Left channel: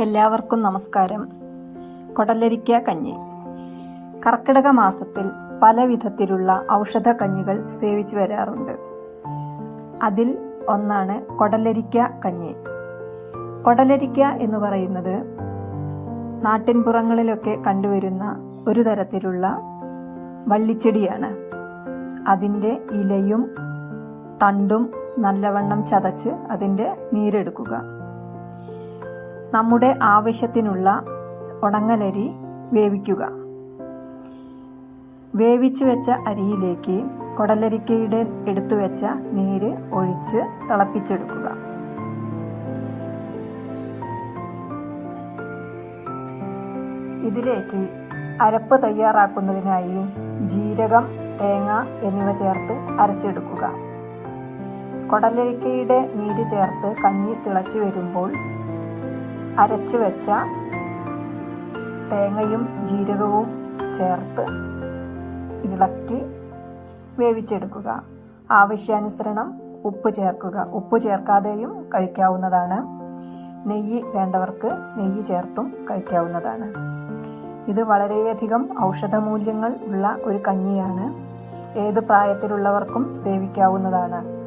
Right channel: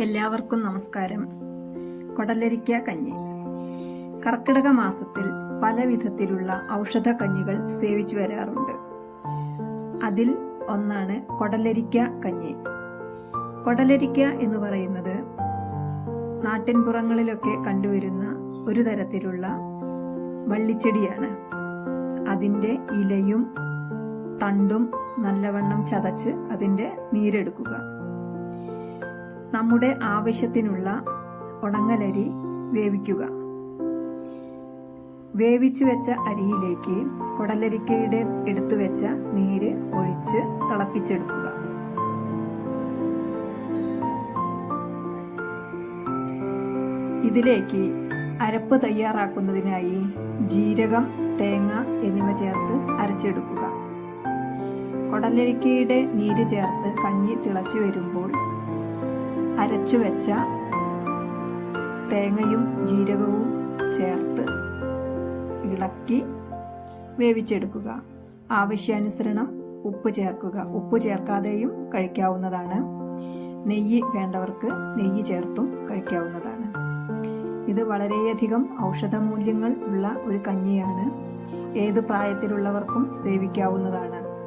എല്ലാവർക്കും നമസ്കാരം. കൊടലരിക്ക കഞ്ഞി. കർക്കിടക മാസത്തിൽ പല വിധത്തിലുള്ള ഔഷധ കഞ്ഞികൾ സേവിച്ചു വരാറുണ്ട്. അതിൽ ഒന്നാണ് കൊടലരിക്ക കഞ്ഞി. കൊടലരിക്ക എന്ന് പറയുന്നത് നാട്ടിൻപുറങ്ങളിലൊക്കെ കണ്ടുവരുന്ന ഒരു തരത്തിലുള്ള വള്ളിച്ചെടിയാണ്. അതിന്റെ ഇലയും തണ്ടും നല്ലവണ്ണം ചതച്ച് അതിന്റെ നീരെടുക്കുക. നമ്മുടെ ആവശ്യത്തിനുള്ള ഉണങ്ങലരി വേവിക്കുക. വേവിച്ചു വെച്ച അരിയിലേക്ക് കൊടലരിക്കയുടെ എടുത്തു വെച്ച നീര് ഒഴിച്ച് തിളപ്പിച്ചെടുക്കുക. ഇതിലേക്ക് അരപ്പ് തയ്യാറാക്കുന്നതിനായി ജീരകം തേങ്ങ എന്നിവ ചേർത്ത് അരച്ചെടുക്കുക. കൊടലരിക്കയുടെ നീര് ചേർത്ത് കഞ്ഞി തിളച്ചു വരുമ്പോൾ അരച്ചു വെച്ച തേങ്ങയും ജീരകവും ചേർത്ത് ഇളക്കി വേവിച്ചെടുക്കുക. ആവശ്യാനുസരണം ഉപ്പ് ചേർക്കുക. ഉപ്പ് ചേർക്കാതെയും കഴിക്കാവുന്നതാണ്. നെയ്യ് വേണ്ടവർക്ക് നെയ്യ് ചേർത്തും കഴിക്കാവുന്നതാണ്. ഇത് വളരെയധികം ഔഷധമൂല്യങ്ങൾ ഉള്ള ഒരു കഞ്ഞിയാണ്. ഏത് പ്രായത്തിലുള്ളവർക്കും സേവിക്കാവുന്നതാണ്.